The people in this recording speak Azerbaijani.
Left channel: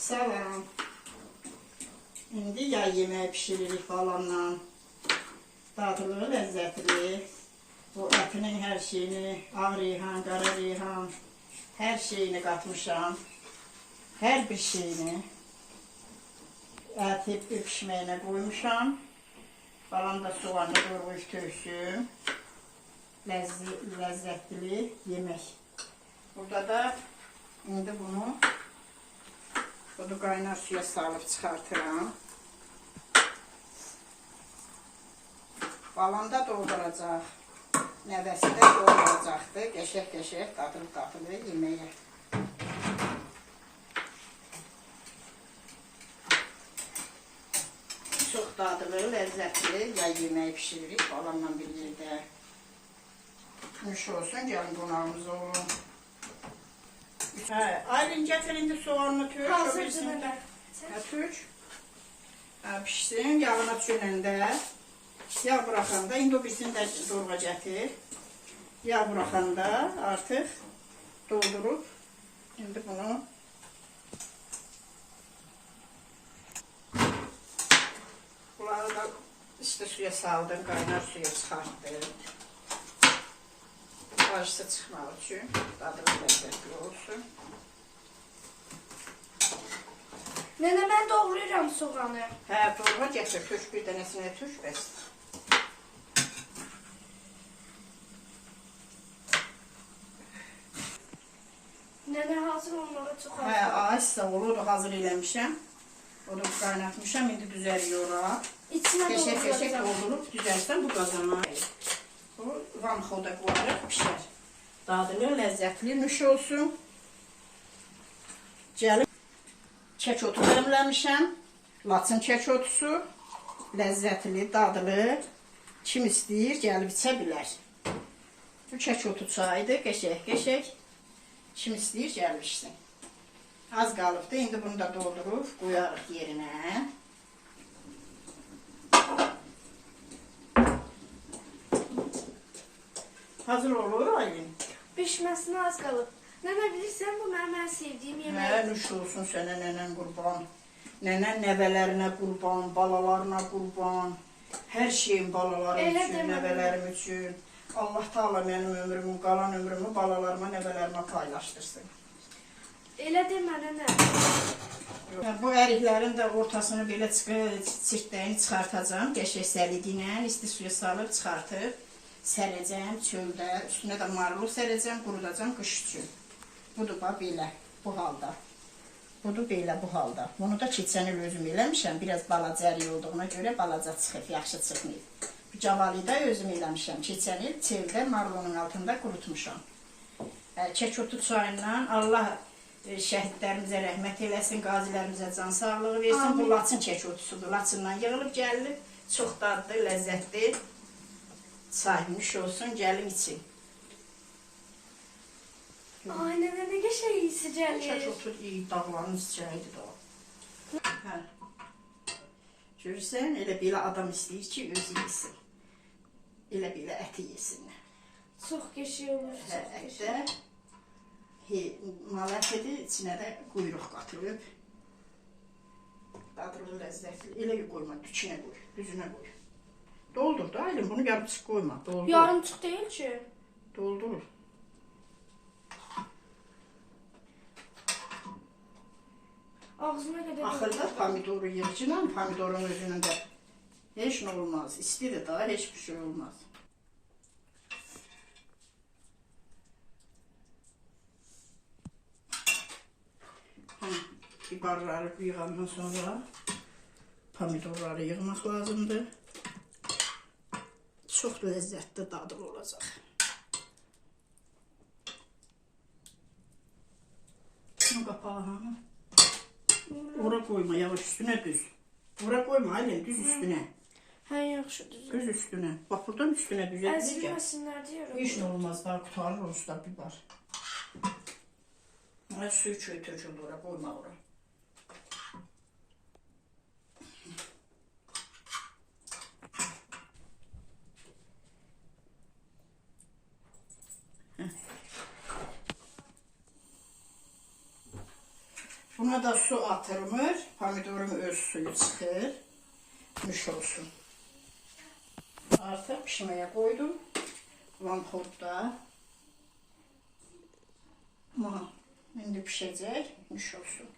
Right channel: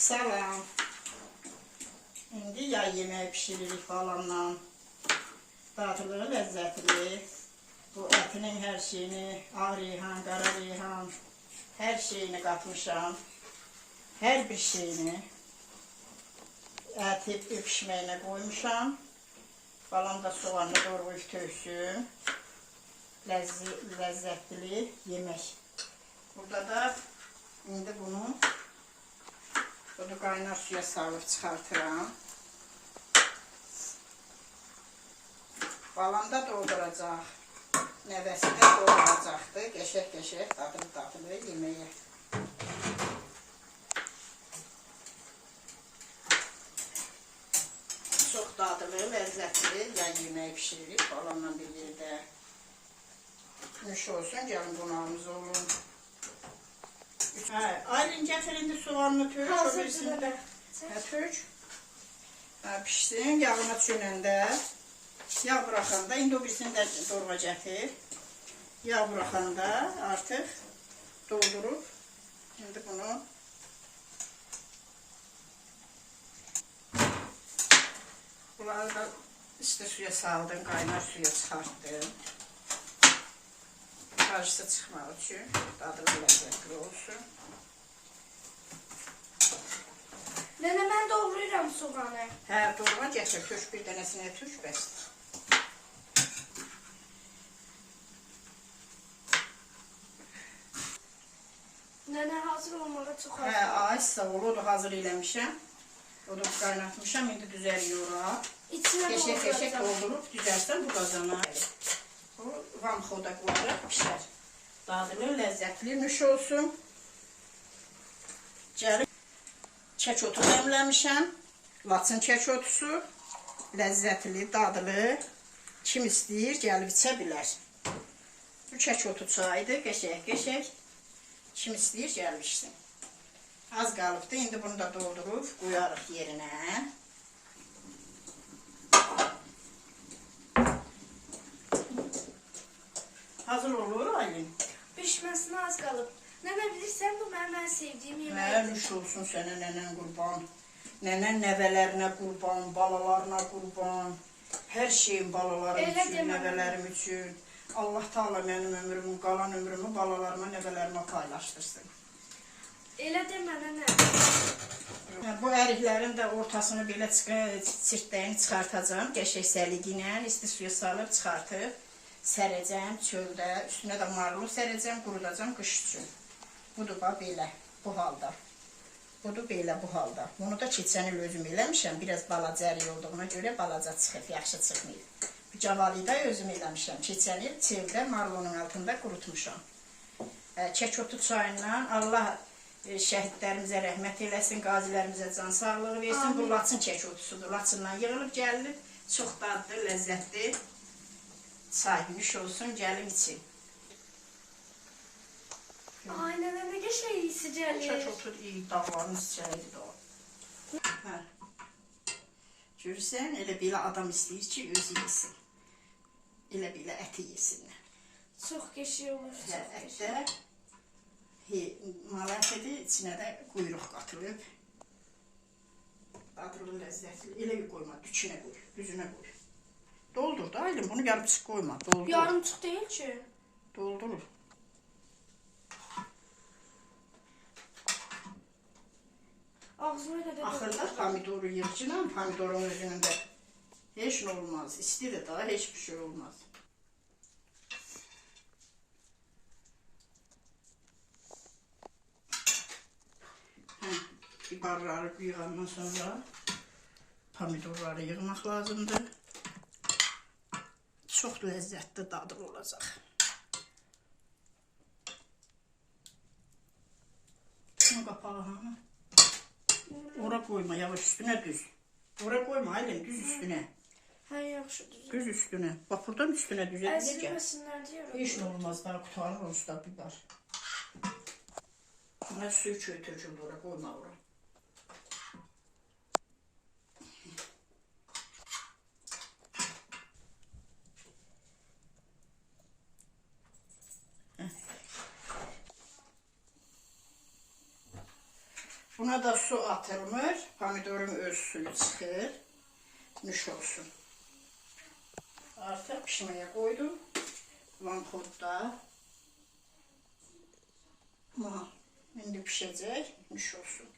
Salam. İndi yay yemeği pişiririk falanla. Dadlı, lezzetli. Bu etinin her şeyini, ağ reyhan, qara reyhan, her şeyini katmışam. Her bir şeyini eti pişməyinə koymuşam. Falan da soğanlı doğrayıb töksün. Lezzetli yemek. Burada da indi bunu kaynar suya salıb çıxartıram. Balam da dolduracaq. Nəvəsi də dolduracaqdır. Qəşək-qəşək, dadlı-dadlı yeməyə. Çox dadlı, ləzzətli yay yeməyi pişiririk. Balamla bir yerdə. Nuş olsun, gəlin qonağımız olun. Aylin gətir indi soğanını tök. Hazırdır da. Tök. Pişsin, yağını düşünəndə. Yağ bıraxanda, indi o birisini də dorğa gətir. Yağ bıraxanda artıq doldurub, indi bunu bunları da işte suya saldım, kaynar suya çıxartdım. Qarşısı çıxmaq üçün, dadlı ləzzətli olsun. Nene, mən doğrayıram soğanı. Hə, dorğa gətir, tök bir dənəsinə tök, bəs. Nene hazır olmağa çox az. Hə, ay sağ ol, o da hazır eləmişəm. O da qaynatmışam, indi düzəliyor ora. İçinə Qəşək-qəşək doldurub düzəlsən bu qazana. Bu vamxoda qoyaraq pişər. Dadlı, ləzzətli, nuş olsun. Gəlib kək otu dəmləmişəm. Laçın kək otusu. Ləzzətli, dadlı. Kim istəyir, gəlib içə bilər. Bu kək otu çaydır, qəşək-qəşək. Kim istəyir, gəlib içsin. Az qalıbdı, indi bunu da doldurub qoyarıq yerinə. Hazır olur Aylin. Pişməsinə az qalıb. Nene, bilirsən bu mənim ən sevdiyim yemək. Mən nuş olsun sənə nənən qurban. Nənən nəvələrinə qurban, balalarına qurban. Hər şeyin balalarım Elə üçün, demə. nəvələrim üçün. Allah Taala mənim ömrümü, qalan ömrümü balalarıma, nəvələrimə paylaşdırsın. Elə demə, nene. Bu əriklərin də ortasını belə çirtdəyini çıxartacağım. Qəşək səliqinə, isti suya salıb çıxartıb sərəcəm çöldə. Üstünə də marulu sərəcəm, qurudacam qış üçün. Budur belə, bu halda. Budur belə, bu halda. Bunu da keçən il özüm eləmişəm. Biraz balaca ərik olduğuna görə balaca çıxıb, yaxşı çıxmayıb. Cavalı da özüm eləmişəm. Keçən il çöldə marulunun altında qurutmuşam. Kək otu çayından Allah şəhidlərimizə rəhmət eləsin, qazilərimizə can sağlığı versin. Bu laçın kək otusudur. Laçından yığılıb gəlinib. Çox dadlı, ləzzətli çaymış olsun, gəlin için. Ay nene, ne qəşəng iyisi gəlir. Kək otu iyi, dağların içəridir o. Görürsən, elə belə adam istəyir ki, özü yesin. Elə belə əti yesinlər. Çox qəşəng olur, çox qəşəng. Ətdə mal ətidir, içinə də quyruq qatılıb. Dadlı, ləzzətli. Elə qoyma, tükünə qoy, düzünə qoy. Doldur da Aylin, bunu yarımçıq qoyma, doldur. Yarımçıq deyil ki. Doldurur. Ağzına qədər. Axırda pomidoru yığcınam, pomidorun özünün də heç nə olmaz. İstidir daha, heç bir şey olmaz. Biberləri yığandan sonra pomidorları yığmaq lazımdır. Çox ləzzətli dadlı olacaq. Şunun qapağı hanı? Ora qoyma, yavaş üstünə düz. Ora qoyma Aylin, düz üstünə. Hə, yaxşı düzəldi. Düz üstünə. Bax buradan üstünə düzəldir. Əzilməsinlər deyə. Heç nə olmaz, daha qutarır o üstə biber. Suyu köy töküldü ora, qoyma ora. Buna da su atılmır. Pomidorun öz suyu çıxır. Nuş olsun. Artıq pişməyə qoydum. Lampodda. İndi pişəcək. Nuş olsun.